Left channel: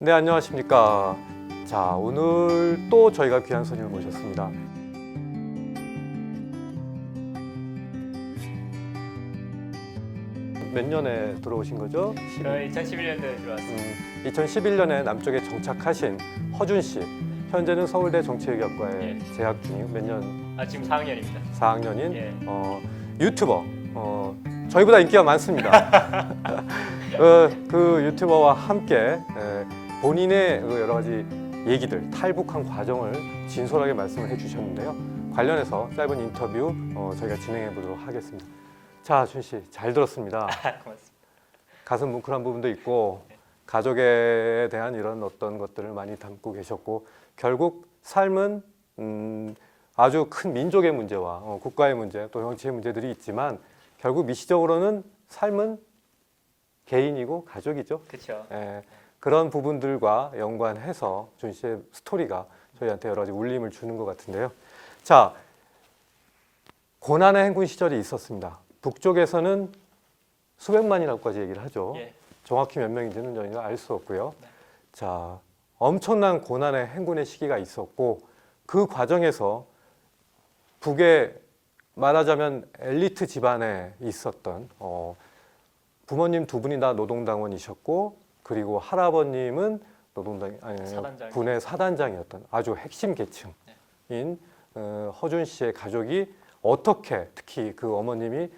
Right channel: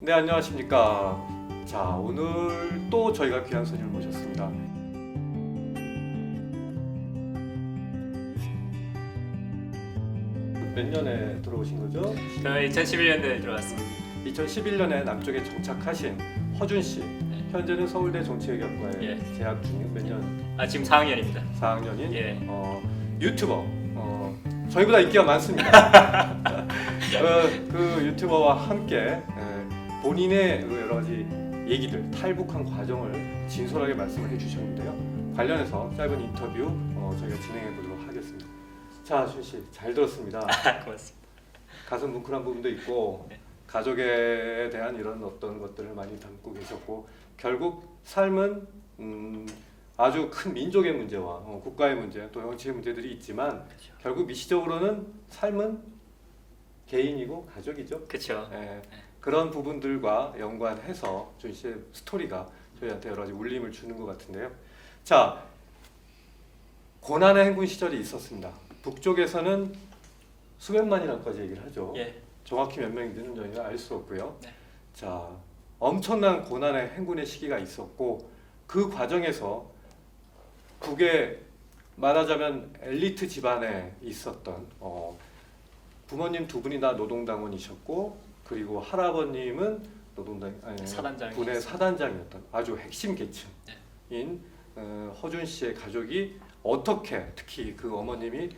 네, 안녕하십니까. 자, 오늘 또 저희가 귀한 손님을 모셨습니다. 몇 년에 들어오신 거죠? 저 2011년도에 들어왔습니다. 2011년에 남쪽에 정착하신 허준 씨. 현재는 서울대 정치외교학과에 예. 재학 중인 몇 년? 지금 4학년입니다. 4학년인 예. 유튜버. 저희보다 인기가 많습니다. 그 유튜버와 함께 본인의 그 여러 가지 얘기들, 탈북한 과정을 진솔하게 말씀을 해주셨는데요. 관련해서 짧은 인터뷰 저희가 진행해 보도록 하겠습니다. 자, 준 씨, 잘 들었습니다. 고맙습니다. 가슴 뭉클한 부분도 있고 가족에 대한 이런 어떤 것들을 많이 담고 계셨고, 결국 삶은 아주 큰 민족의 문제와 국가의 문제, 또 정치의 문제들이 있지만 결국 미시적으로는 삶은 개인이고 가족이죠. 그렇죠. 그런 부분들과 연관해서 준 씨의 스토리가 저희한테 여러 가지 울림을 주는 것 같은데요. 자, 고난의 행군 시절이 있었습니다. 북쪽에서는 수백만이라고까지 얘기를 하죠. 예. 정확히 몇 명인지는 저희가 알 수 없고요. 네. 자, 엄청난 고난의 행군의 시기가 있었고, 그 과정에서 북에 말하자면 엘리트 집안에 있었던 부모님 두 분이 다 노동당원이셨고, 그리고 할아버님은 군의 사단장이었던 아주 핵심 계층인 허준 씨의 가족이 어떻게, 특히 그 어머님이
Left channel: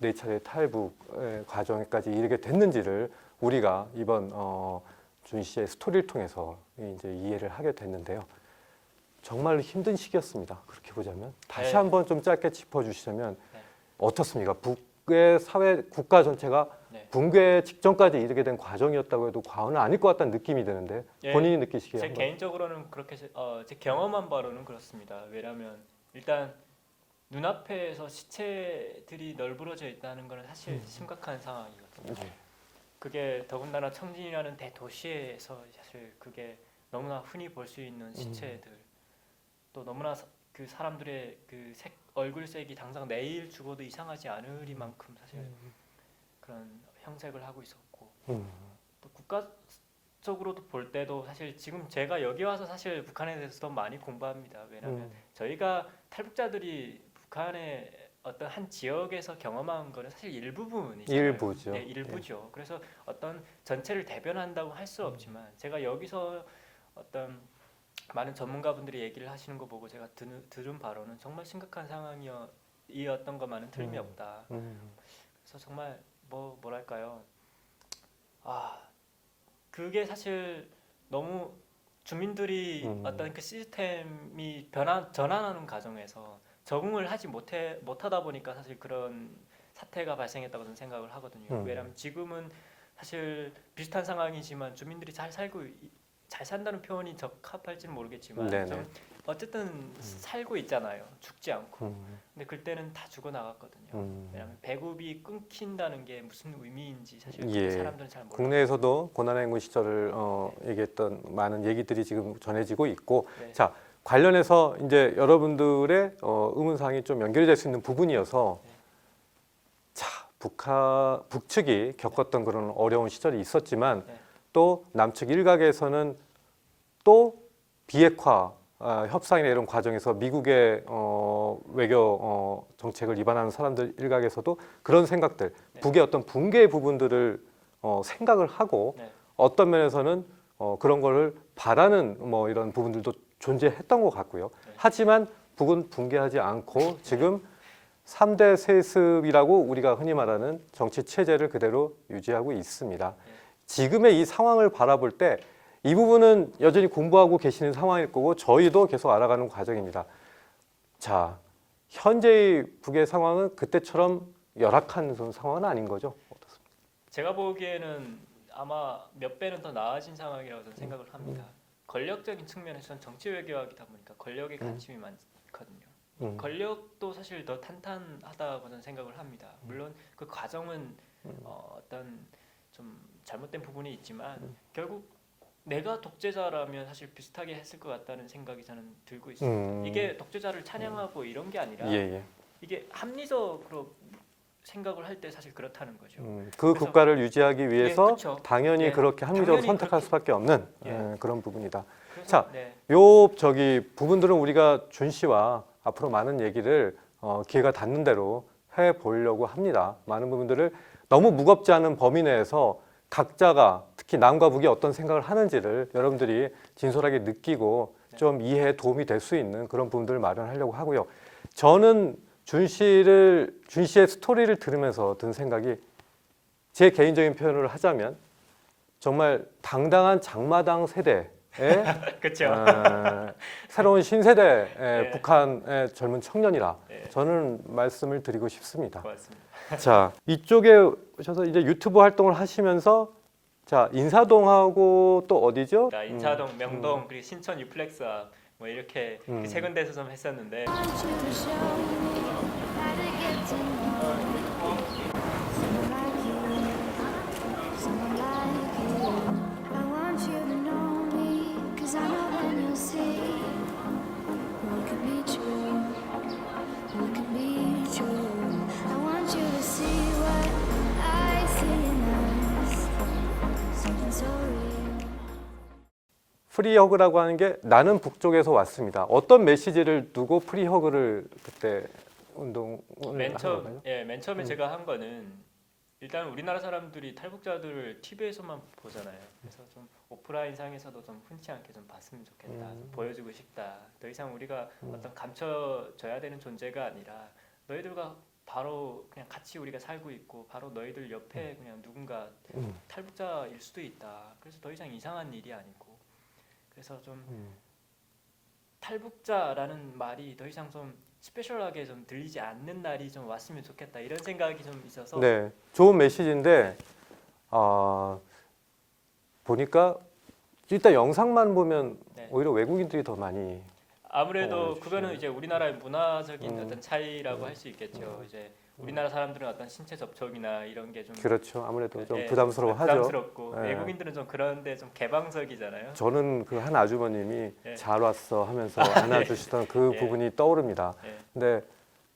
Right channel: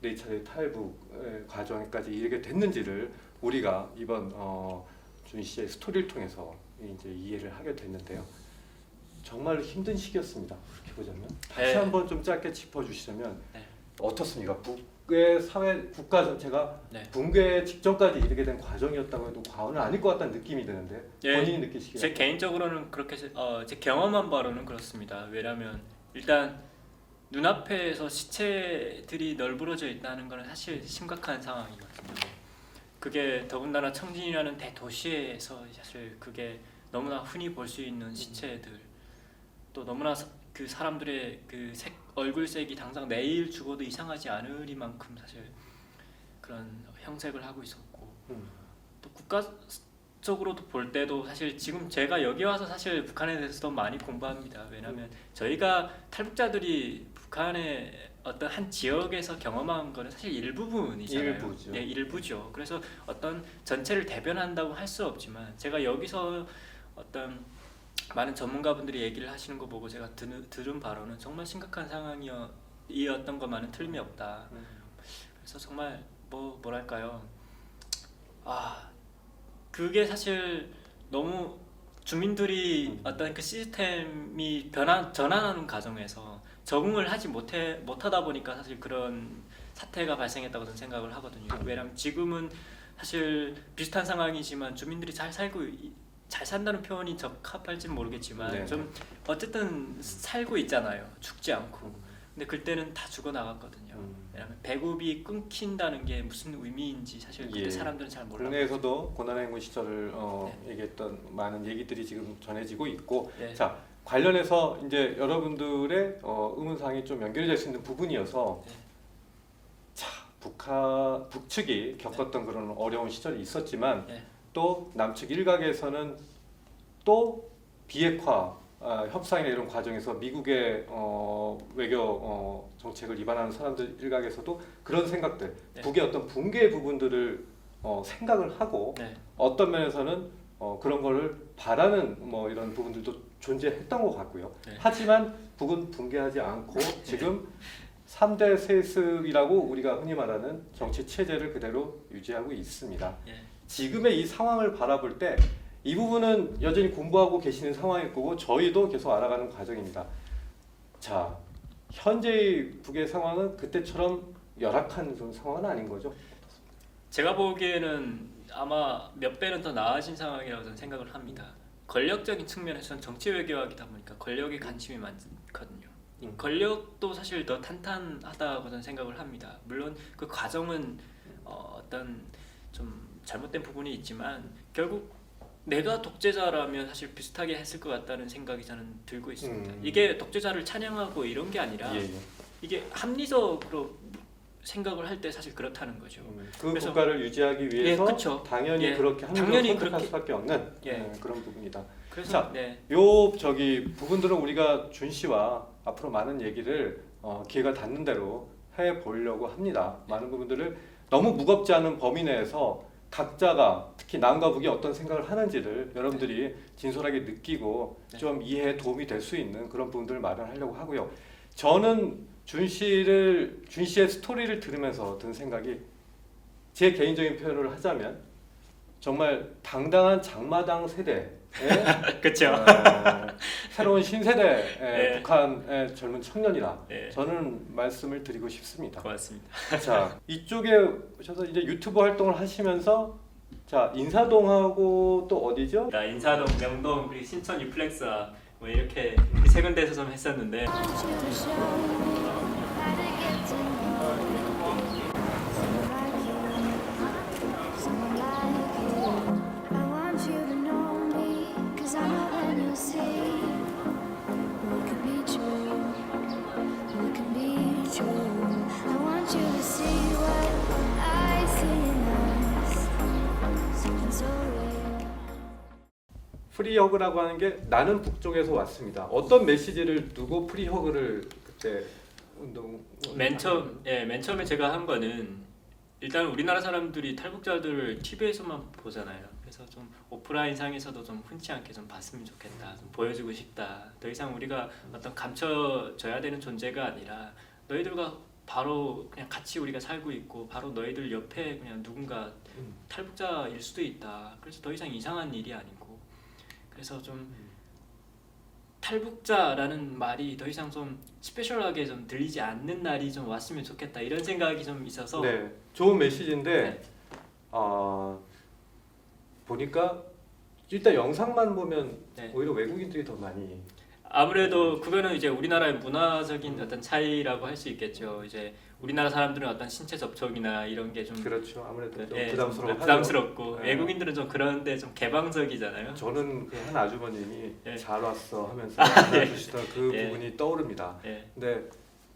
네 차례 탈북 과정까지 이르게 됐는지를 우리가 이번 준 씨의 스토리를 통해서 이제 이해를 하게 됐는데요. 정말 힘든 시기였습니다. 그렇게 보자면 다시 한번 좀 짧게 짚어주시면 어떻습니까? 북의 사회 국가 전체가 붕괴 직전까지 이르게 된 과정이었다고 해도 과언은 아닐 것 같다는 느낌이 드는데 본인이 느끼시기에 제 개인적으로는 그렇게 제 경험한 바로는 그렇습니다. 왜냐하면 일단 눈앞에서 시체들이 널브러져 있다는 것은 사실 심각한 상황이거든요. 그게 더군다나 청진이라는 대도시에서 사실 그게 너무나 흔히 볼 수 있는 시체들, 또 너무나 그 사람들의 그 얼굴색이 당장 내일 죽어도 이상하지 않으리만큼 사실 그런 형색을 하고 있었고, 또 국가적으로도 볼 때도 사실 지금 제가 여기 와서 사실 북한에 대해서도 많이 공부합니다. 왜냐하면 저희가 탈북자들이 북한의 어떤 한 지역에서 경험한 거는 사실 일부분이잖아요. 일부죠. 네, 일부죠. 그래서 어떤 전체를 대변한다고 할 수 없지만 제가 여기서 어떤 많은 전문가분들이 얘기를 하시는 거 보고 제가 들은 바로는 정말 심각한 상황이었던 것만은 틀림이 없다. 그래서 정말 뭐랄까요? 그게 사실 너무 주민들이 어떤 그 시스템이 전환하는 과정에서 적응을 하지 못하다 보니까 사실 그런 사태가 발생했다고 저는 생각을 하거든요. 왜냐하면 지금은 사실 비슷한 상황이지만 주민들이 잘 산다는 표현이 적합할지는 모르겠지만 네네. 좀 어쨌든 살고 있잖아요. 죽지 않고. 근데 그때는 다 죽어 나갔거든요. 왜냐하면 배급이 끊긴다는 게 무슨 의미인지 사실 그때 사람들은 잘 몰라요. 국내에서도 고난의 행군 시절을 얘기했던 많은 얘기들이 지금 전해지고 있고, 자, 관련해서 이제 여러분들의 의문사항이 좀 연결이 될 수 있는 부분이어서 자, 북측이 겪었던 그런 어려운 시절이 있었지만 또 남측 일각에서는 또 비핵화 협상이나 이런 과정에서 미국의 외교 정책을 위반하는 사람들 일각에서도 그런 생각들, 북의 어떤 붕괴의 부분들을 생각을 하고 어떤 면에서는 그런 거를 바라는 이런 부분들도 존재했던 것 같고요. 하지만 북은 붕괴하지 않고 지금 3대 세습이라고 우리가 흔히 말하는 정치 체제를 그대로 유지하고 있습니다. 지금의 이 상황을 바라볼 때 이 부분은 여전히 공부하고 계시는 상황일 거고 저희도 계속 알아가는 과정입니다. 자, 현재의 북의 상황은 그때처럼 열악한 상황은 아닌 거죠? 어떻습니까? 제가 보기에는 아마 몇 배는 더 나아진 상황이라고 저는 생각을 합니다. 권력적인 측면에서는 정치 외교하기다 보니까 권력의 관심이 많거든요. 권력도 사실 더 탄탄하다고 저는 생각을 합니다. 물론 그 과정은 어떤 좀 잘못된 부분이 있지만 결국 내가 독재자라면 사실 비슷하게 했을 것 같다는 생각이 저는 들고 있습니다. 이게 독재자를 찬양하고 이런 게 아니라 이게 합리적으로 생각을 할 때 사실 그렇다는 거죠. 그 그래서- 국가를 유지하기 위해서 그쵸. 당연히 예, 그렇게 함정을 당연히 선택할 그렇게- 수밖에 없는 예. 그런 부분이다. 그래서 자, 네. 요 부분들은 우리가 준 씨와 앞으로 많은 얘기를 기회가 닿는 대로 해 보려고 합니다. 많은 부분들을 너무 무겁지 않은 범위 내에서 각자가 특히 남과 북이 어떤 생각을 하는지를 여러분들이 진솔하게 느끼고 좀 이해에 도움이 될 수 있는 그런 부분들을 마련하려고 하고요. 저는 준 씨의 스토리를 들으면서 든 생각이 제 개인적인 표현을 하자면 정말 당당한 장마당 세대의 그렇죠. 새로운 신세대의 네. 북한의 젊은 청년이라 네. 저는 말씀을 드리고 싶습니다. 고맙습니다. 자, 이쪽에 오셔서 이제 유튜브 활동을 하시면서 자, 인사동하고 또 어디죠? 나 인사동, 명동, 그리고 신천 유플렉스와 뭐 이렇게 음. 세 군데에서 좀 했었는데 want you to show me how to get to know someone like you, someone like you. I want you to know me, 'cause I know then you'll see we could be true, we could be true. I want you to see what I see in us, something so real. 프리허그라고 하는 게 나는 북쪽에서 왔습니다. 어떤 메시지를 두고 프리허그를 그때 운동 맨 처음에 제가 한 거는 일단 우리나라 사람들이 탈북자들을 TV에서만 보잖아요. 그래서 좀 오프라인상에서도 좀 흔치 않게 좀 봤으면 좋겠다. 좀 보여주고 싶다. 더 이상 우리가 어떤 감춰져야 되는 존재가 아니라 너희들과 바로 그냥 같이 우리가 살고 있고 바로 너희들 옆에 그냥 누군가 탈북자일 수도 있다. 그래서 더 이상 이상한 일이 아니고 그래서 좀 탈북자라는 말이 더 이상 좀 스페셜하게 좀 들리지 않는 날이 좀 왔으면 좋겠다 이런 생각이 좀 있어서 네, 좋은 메시지인데 네. 보니까 일단 영상만 보면 네. 오히려 외국인들이 더 많이 아무래도 그거는 이제 우리나라의 문화적인 어떤 차이라고 할 수 있겠죠. 이제 우리나라 사람들은 어떤 신체 접촉이나 이런 게 좀 그렇죠. 아무래도 좀 네, 부담스러워하죠. 부담스럽고 네. 외국인들은 좀 그런데 좀 개방적이잖아요. 저는 그 한 아주머님이 네. 잘 왔어 하면서 안아주시던 그 네. 부분이 떠오릅니다. 네. 근데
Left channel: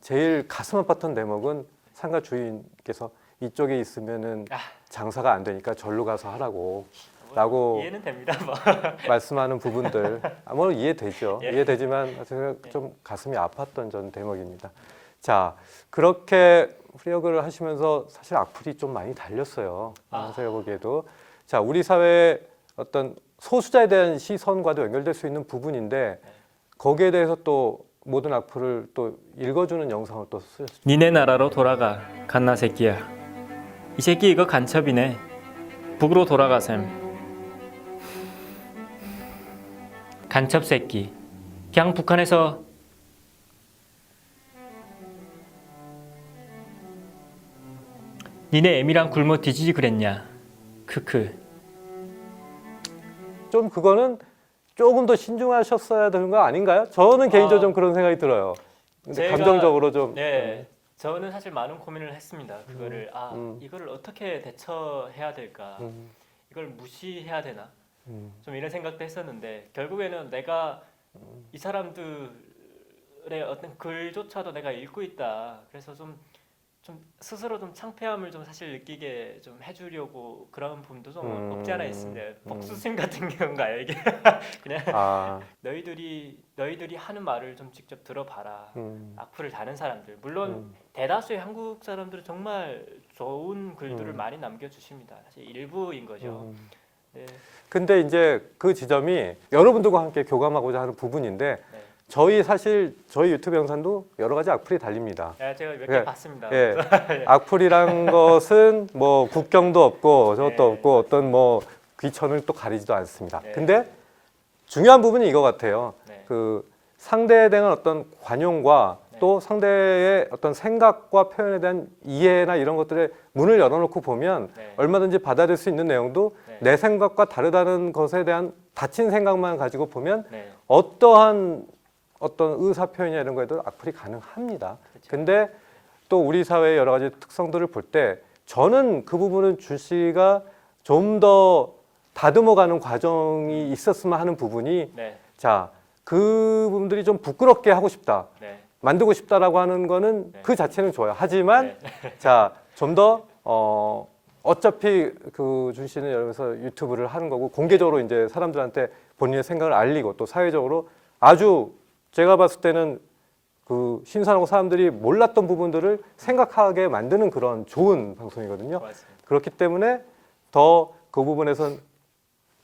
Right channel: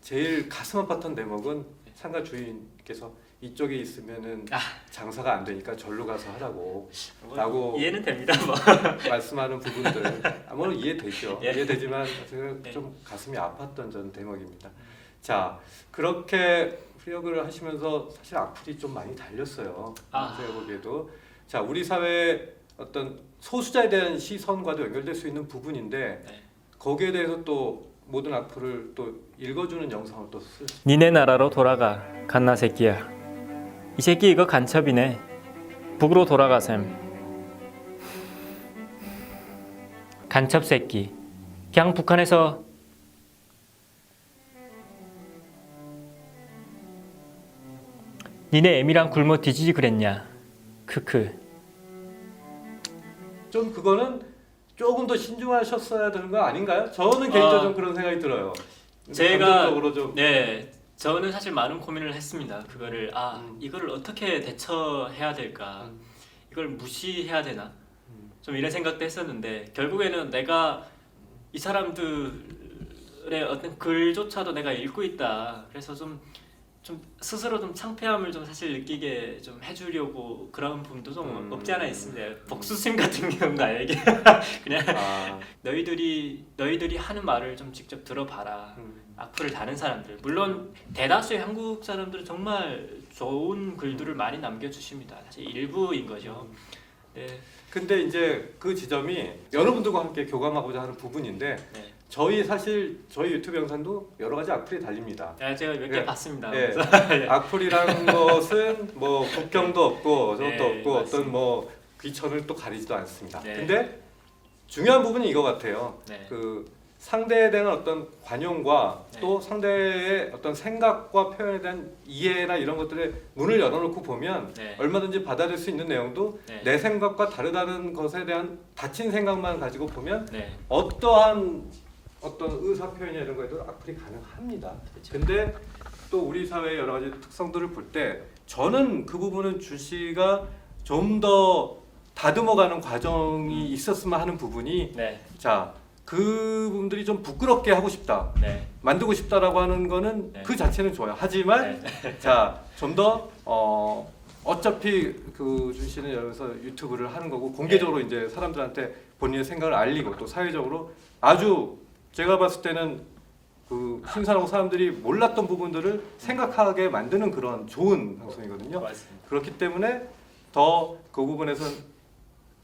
제일 가슴 아팠던 대목은 상가 주인께서 이쪽에 있으면은 장사가 안 되니까 절로 가서 하라고 뭐 라고 이해는 됩니다. 뭐. 말씀하는 부분들 아무런 이해되죠. 예. 이해되지만 제가 좀 가슴이 아팠던 전 대목입니다. 자, 그렇게 프리허그를 하시면서 사실 악플이 좀 많이 달렸어요. 제가 보기에도 자, 우리 사회의 어떤 소수자에 대한 시선과도 연결될 수 있는 부분인데 거기에 대해서 또 모든 악플을 또 읽어주는 영상을 또 쓰셨습니다. 니네 나라로 돌아가 갓나 새끼야. 이 새끼 이거 간첩이네. 북으로 돌아가셈. 간첩 새끼. 그냥 북한에서 니네 애미랑 굶어 뒤지지 그랬냐. 크크. 좀 그거는 조금 더 신중하셨어야 되는 거 아닌가요? 저는 개인적으로 좀 그런 생각이 들어요. 근데 감정적으로 좀 네, 저는 사실 많은 고민을 했습니다. 그거를 이거를 어떻게 대처해야 될까? 이걸 무시해야 되나? 좀 이런 생각도 했었는데 결국에는 내가 이 사람들의 어떤 글조차도 내가 읽고 있다. 그래서 좀 스스로 좀 창피함을 좀 사실 느끼게 좀 해주려고 그런 부분도 좀 없지 않아 있습니다. 복수심 같은 경우가 이게 그냥 너희들이 하는 말을 좀 직접 들어봐라. 악플을 다는 사람들 물론 대다수의 한국 사람들은 정말 좋은 글들을 많이 남겨주십니다. 사실 일부인 거죠. 네. 근데 이제 그 지점이 여러분들과 함께 교감하고자 하는 부분인데 네. 저희 유튜브 영상도 여러 가지 악플이 달립니다. 제가 몇 개 네. 봤습니다. 예. 그래서 악플이란 것은 뭐 국경도 없고 저것도 네, 없고 맞습니다. 어떤 뭐 귀천을 또 가리지도 않습니다. 네. 근데 중요한 부분이 이거 같아요. 네. 그 상대에 대한 어떤 관용과 네. 또 상대의 어떤 생각과 표현에 대한 이해나 이런 것들의 문을 열어놓고 보면 네. 얼마든지 받아들일 수 있는 내용도 네. 내 생각과 다르다는 것에 대한 닫힌 생각만 가지고 보면 네. 어떠한 어떤 의사 표현이나 이런 거에도 악플이 가능합니다. 그렇죠. 근데 또 우리 사회의 여러 가지 특성들을 볼 때 저는 그 부분은 준 씨가 좀 더 다듬어가는 과정이 있었으면 하는 부분이 네. 자, 그분들이 좀 부끄럽게 하고 싶다, 네. 만들고 싶다라고 하는 거는 네. 그 자체는 좋아요. 하지만 자, 좀 더 어차피 그 준 씨는 여기서 유튜브를 하는 거고 공개적으로 이제 사람들한테 본인의 생각을 알리고 또 사회적으로 아주 제가 봤을 때는 그 신선하고 사람들이 몰랐던 부분들을 생각하게 만드는 그런 좋은 방송이거든요. 맞습니다. 그렇기 때문에 더 그 부분에선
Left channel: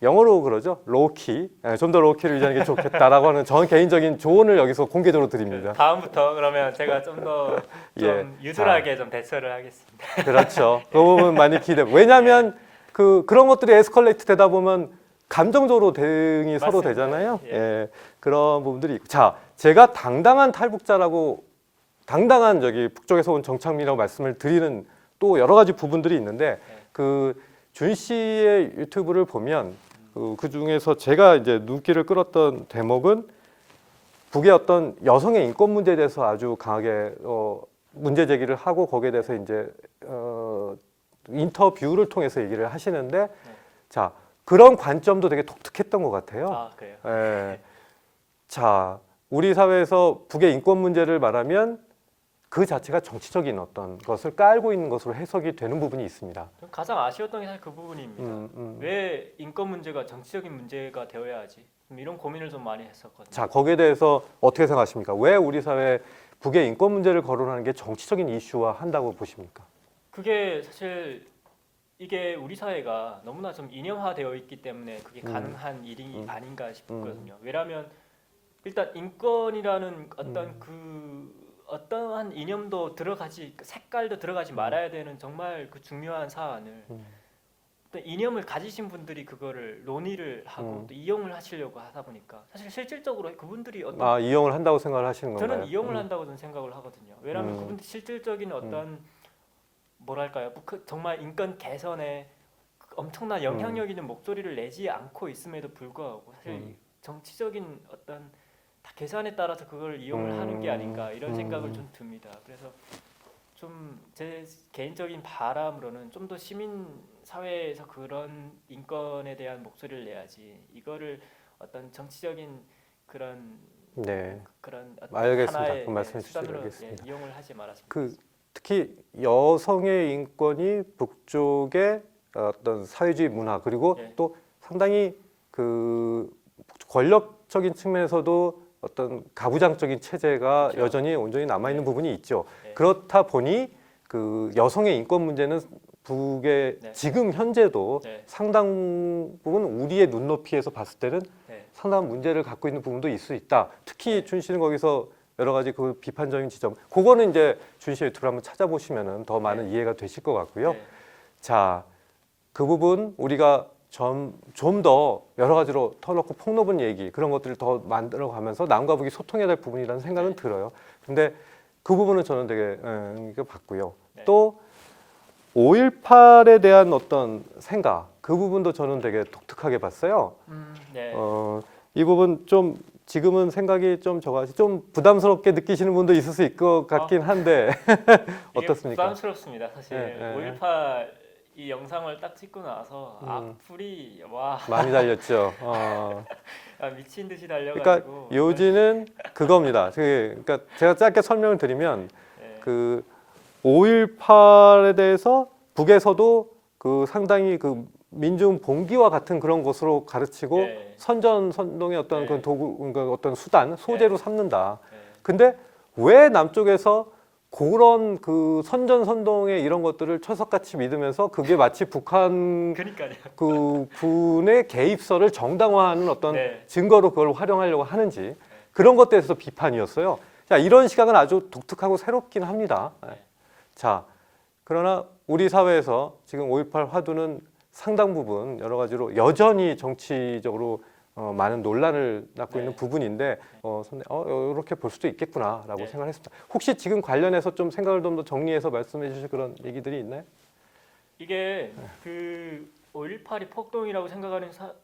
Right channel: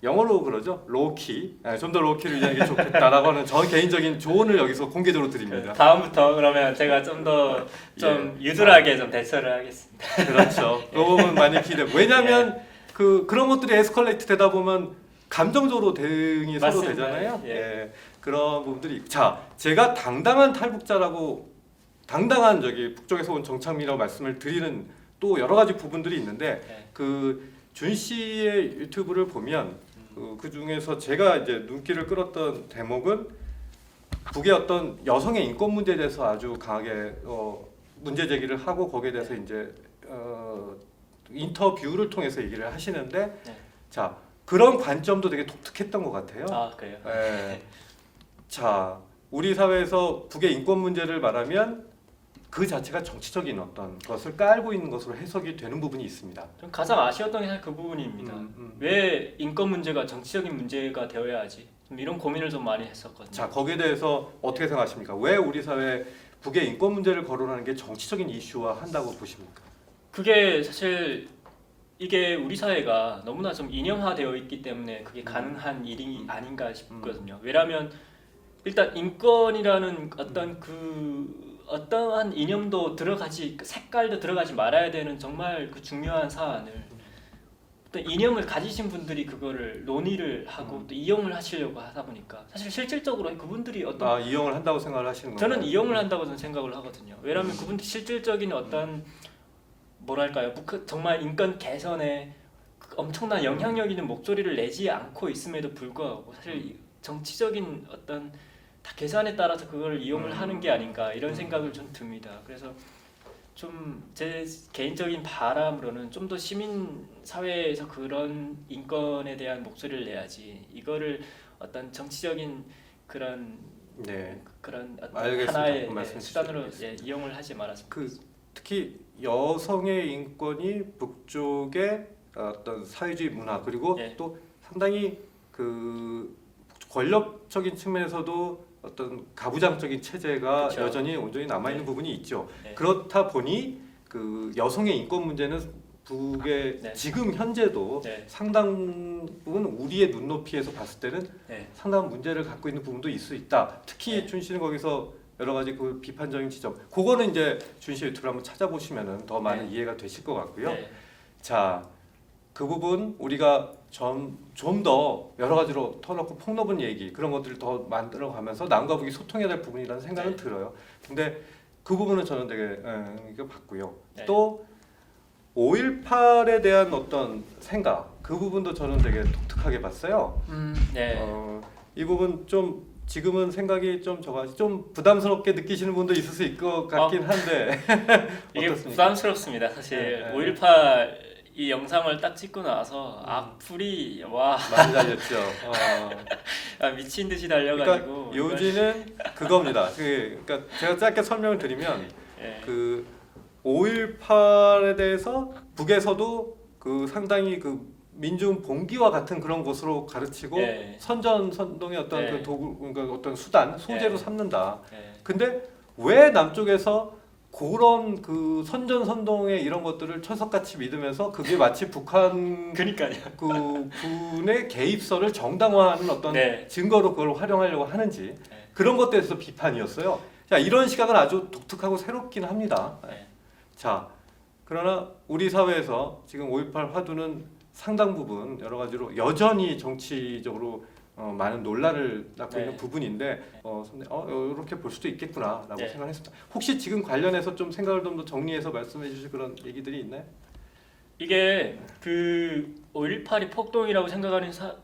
영어로 그러죠. 로우키. 좀 더 로우키를 유지하는 게 좋겠다라고 하는 저 개인적인 조언을 여기서 공개적으로 드립니다. 다음부터 그러면 제가 좀 더 좀 예. 유술하게 좀 대처를 하겠습니다. 그렇죠. 그 부분 많이 기대. 왜냐하면 그런 것들이 에스컬레이트 되다 보면 감정적으로 대응이 서로 맞습니다. 되잖아요. 예. 예. 그런 부분들이 있고. 자, 제가 당당한 탈북자라고 당당한 저기 북쪽에서 온 정창민이라고 말씀을 드리는 또 여러 가지 부분들이 있는데 네. 그 준 씨의 유튜브를 보면 그 중에서 제가 이제 눈길을 끌었던 대목은 북의 어떤 여성의 인권 문제에 대해서 아주 강하게 문제 제기를 하고 거기에 대해서 이제 인터뷰를 통해서 얘기를 하시는데 자, 그런 관점도 되게 독특했던 것 같아요. 아 그래요? 예. 자, 우리 사회에서 북의 인권 문제를 말하면 그 자체가 정치적인 어떤 것을 깔고 있는 것으로 해석이 되는 부분이 있습니다. 좀 가장 아쉬웠던 게 사실 그 부분입니다. 왜 인권 문제가 정치적인 문제가 되어야 하지? 좀 이런 고민을 좀 많이 했었거든요. 자, 거기에 대해서 어떻게 생각하십니까? 왜 우리 사회 북의 인권 문제를 거론하는 게 정치적인 이슈화 한다고 보십니까? 그게 사실 이게 우리 사회가 너무나 좀 이념화되어 있기 때문에 그게 가능한 일이 아닌가 싶거든요. 왜냐하면 일단 인권이라는 어떤 어떠한 이념도 들어가지 색깔도 들어가지 말아야 되는 정말 그 중요한 사안을 또 이념을 가지신 분들이 그거를 논의를 하고 또 이용을 하시려고 하다 보니까 사실 실질적으로 그분들이 어떤 이용을 한다고 생각을 하시는 건가요? 저는 이용을 한다고 저는 생각을 하거든요. 왜냐하면 그분들 실질적인 어떤 뭐랄까요, 정말 인권 개선에 엄청난 영향력 있는 목소리를 내지 않고 있음에도 불구하고 사실 정치적인 어떤 다 계산에 따라서 그걸 이용을 하는 게 아닌가 이런 생각을 좀 듭니다. 그래서 좀 제 개인적인 바람으로는 좀 더 시민 사회에서 그런 인권에 대한 목소리를 내야지 이거를 어떤 정치적인 그런 네. 그런 어떤 알겠습니다. 하나의 말씀 수단으로 주시겠습니다. 이용을 하지 말았으면 특히 여성의 인권이 북쪽의 어떤 사회주의 문화 그리고 예. 또 상당히 그 권력적인 측면에서도 어떤 가부장적인 체제가 그렇죠. 여전히 온전히 남아 있는 네. 부분이 있죠. 네. 그렇다 보니 그 여성의 인권 문제는 북의 네. 지금 현재도 네. 상당 부분 우리의 눈높이에서 봤을 때는 네. 상당한 문제를 갖고 있는 부분도 있을 수 있다. 특히 준 씨는 거기서 여러 가지 그 비판적인 지점, 그거는 이제 준 씨 유튜브를 한번 찾아보시면은 더 많은 네. 이해가 되실 것 같고요. 네. 자, 그 부분 우리가 좀 더 여러 가지로 터놓고 폭넓은 얘기 그런 것들을 더 만들어가면서 남과 북이 소통해야 될 부분이라는 생각은 네. 들어요. 근데 그 부분은 저는 되게 의미가 봤고요. 네. 또 5.18에 대한 어떤 생각, 그 부분도 저는 되게 독특하게 봤어요. 네. 이 부분 좀 지금은 생각이 좀 적어가지고 좀 부담스럽게 느끼시는 분도 있을 수 있을 것 같긴 한데 이게 어떻습니까? 부담스럽습니다. 사실 네, 네. 5.18 이 영상을 딱 찍고 나서 악플이 와 많이 달렸죠. 미친 듯이 그러니까 달려가지고 요지는 그겁니다. 그러니까 제가 짧게 설명을 드리면 네. 그 5.18에 대해서 북에서도 그 상당히 그 민중 봉기와 같은 그런 것으로 가르치고 네. 선전선동의 어떤 네. 그 도구, 그러니까 어떤 수단, 소재로 네. 삼는다. 네. 근데 왜 남쪽에서 그런 그 선전선동의 이런 것들을 철석같이 믿으면서 그게 마치 북한 그러니까요. 그 군의 개입설을 정당화하는 어떤 네. 증거로 그걸 활용하려고 하는지 그런 것에 대해서 비판이었어요. 자, 이런 시각은 아주 독특하고 새롭긴 합니다. 네. 자, 그러나 우리 사회에서 지금 5.18 화두는 상당 부분 여러 가지로 여전히 정치적으로 많은 논란을 낳고 네. 있는 부분인데 이렇게 볼 수도 있겠구나라고 네. 생각을 했습니다. 혹시 지금 관련해서 좀 생각을 좀 더 정리해서 말씀해 주실 그런 얘기들이 있나요? 이게 그 5.18이 폭동이라고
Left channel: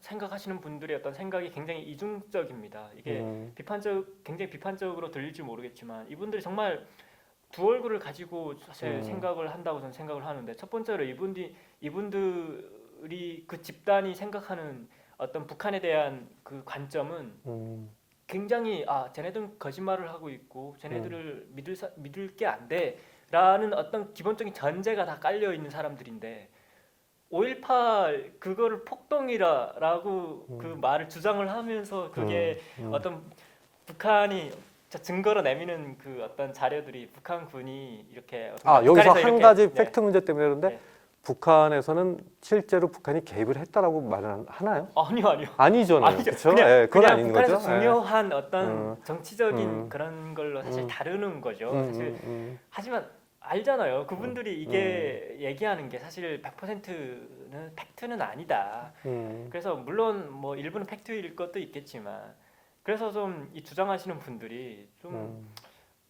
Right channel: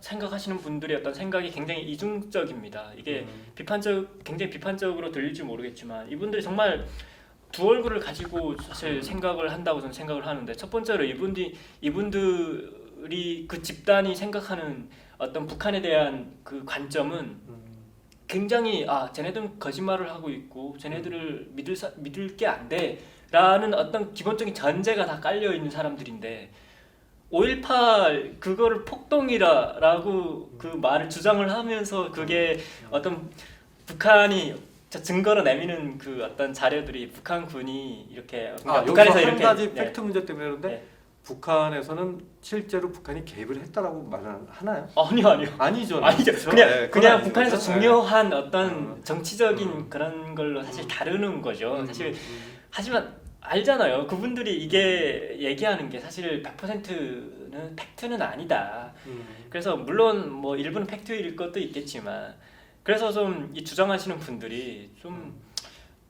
생각하시는 분들의 어떤 생각이 굉장히 이중적입니다. 이게 굉장히 비판적으로 들릴지 모르겠지만 이분들이 정말 두 얼굴을 가지고 사실 생각을 한다고 저는 생각을 하는데 첫 번째로 이분들이 그 집단이 생각하는 어떤 북한에 대한 그 관점은 굉장히 쟤네들은 거짓말을 하고 있고 쟤네들을 믿을 게 안 돼라는 어떤 기본적인 전제가 다 깔려 있는 사람들인데 5.18 그거를 폭동이라고 그 말을 주장을 하면서 그게 어떤 북한이 증거로 내미는 그 어떤 자료들이 북한군이 이렇게 여기서 한 가지 네. 팩트 문제 때문에 그런데 네. 북한에서는 실제로 북한이 개입을 했다라고 말을 하나요? 아니요. 아니죠. 아니죠. 그렇죠? 그냥, 네, 그건 그냥 아닌 북한에서 거죠. 중요한 어떤 정치적인 음. 그런 걸로 사실 다루는 거죠. 음, 사실 음. 하지만 알잖아요. 그분들이 이게 얘기하는 게 사실 100%는 팩트는 아니다. 그래서 물론 뭐 일부는 팩트일 것도 있겠지만 그래서 좀 이 주장하시는 분들이 좀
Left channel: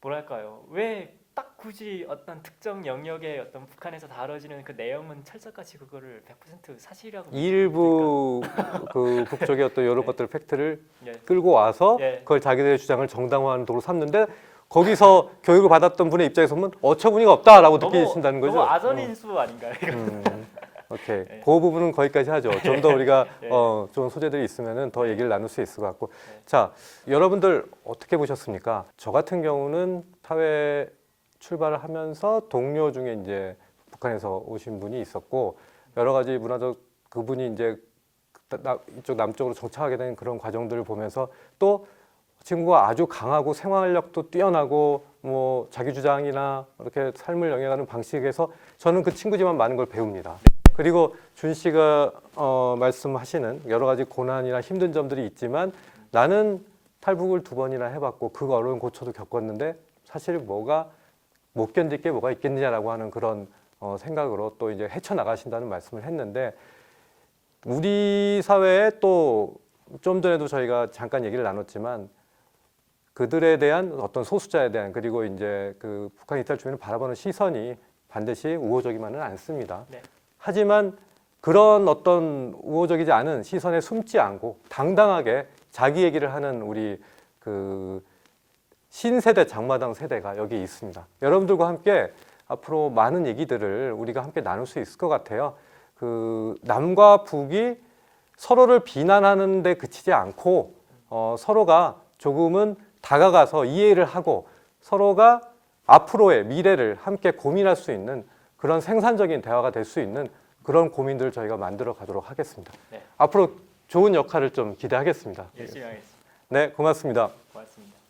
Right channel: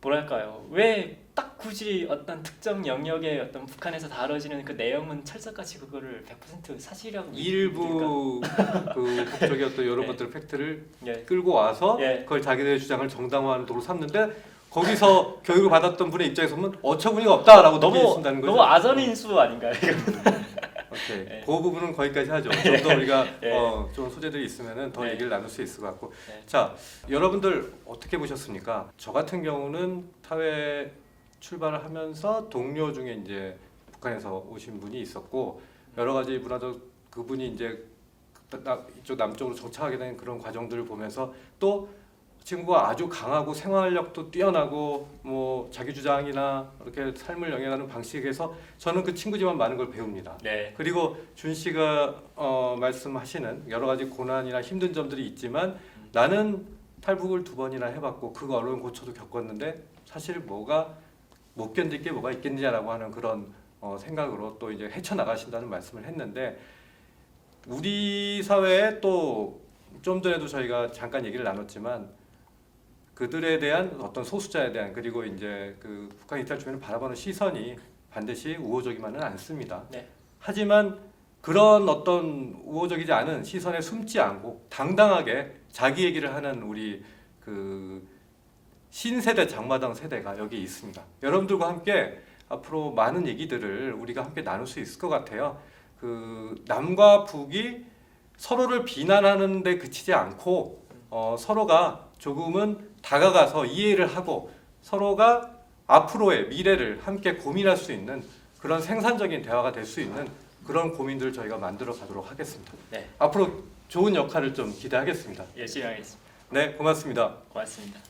뭐랄까요? 왜 딱 굳이 어떤 특정 영역의 어떤 북한에서 다뤄지는 그 내용은 철석같이 그거를 100% 사실이라고 일부 그 북쪽의 어떤 이런 네. 것들 팩트를 예. 끌고 와서 예. 그걸 자기들의 주장을 정당화하는 도로 삼는데 거기서 교육을 받았던 분의 입장에서 보면 어처구니가 없다라고 느끼신다는 거죠. 너무 아선인수 아닌가요? 오케이. 네. 그 부분은 거기까지 하죠. 좀 더 우리가 네. 좀 소재들이 있으면은 더 네. 얘기를 나눌 수 있을 것 같고. 네. 자, 여러분들 어떻게 보셨습니까? 저 같은 경우는 사회 출발을 하면서 동료 중에 이제 북한에서 오신 분이 있었고 여러 가지 문화적 그분이 이제 이쪽 남쪽으로 정착하게 된 그런 과정들을 보면서 또 친구가 아주 강하고 생활력도 뛰어나고 뭐 자기 주장이나 이렇게 삶을 영위하는 방식에서 저는 그 친구지만 많은 걸 배웁니다. 네. 그리고 준 씨가 말씀하시는 여러 가지 고난이나 힘든 점들이 있지만 나는 탈북을 2번이나 해봤고 그 어려운 고초도 겪었는데 사실 뭐가 못 견딜 게 뭐가 있겠냐라고 하는 그런 생각으로 또 이제 헤쳐나가신다는 말씀을 했는데 우리 사회에 또 좀 전에도 저희가 잠깐 얘기를 나눴지만 그들에 대한 어떤 소수자에 대한 그리고 이제 그 북한 이탈 주민을 바라보는 시선이 반드시 우호적이만은 않습니다. 네. 하지만 그런 어떤 우호적이지 않은 시선에 숨지 않고 당당하게 자기 얘기를 하는 우리 그 신세대 장마당 세대가 여기 있습니다. 여러분들과 함께 앞으로 많은 얘기들을 우리가 함께 나눌 수 있을 것 같아요. 그 남과 북이 서로를 비난하는 데 그치지 않고 서로가 조금은 다가가서 이해를 하고 서로가 앞으로의 미래를 함께 고민할 수 있는 그런 생산적인 대화가 될 수 있는 그런 고민들을 저희가 만들어 가도록 하겠습니다. 네. 앞으로 좋은 역할을 좀 기대하겠습니다. 열심히 하겠습니다. 네, 고맙습니다. 고맙습니다.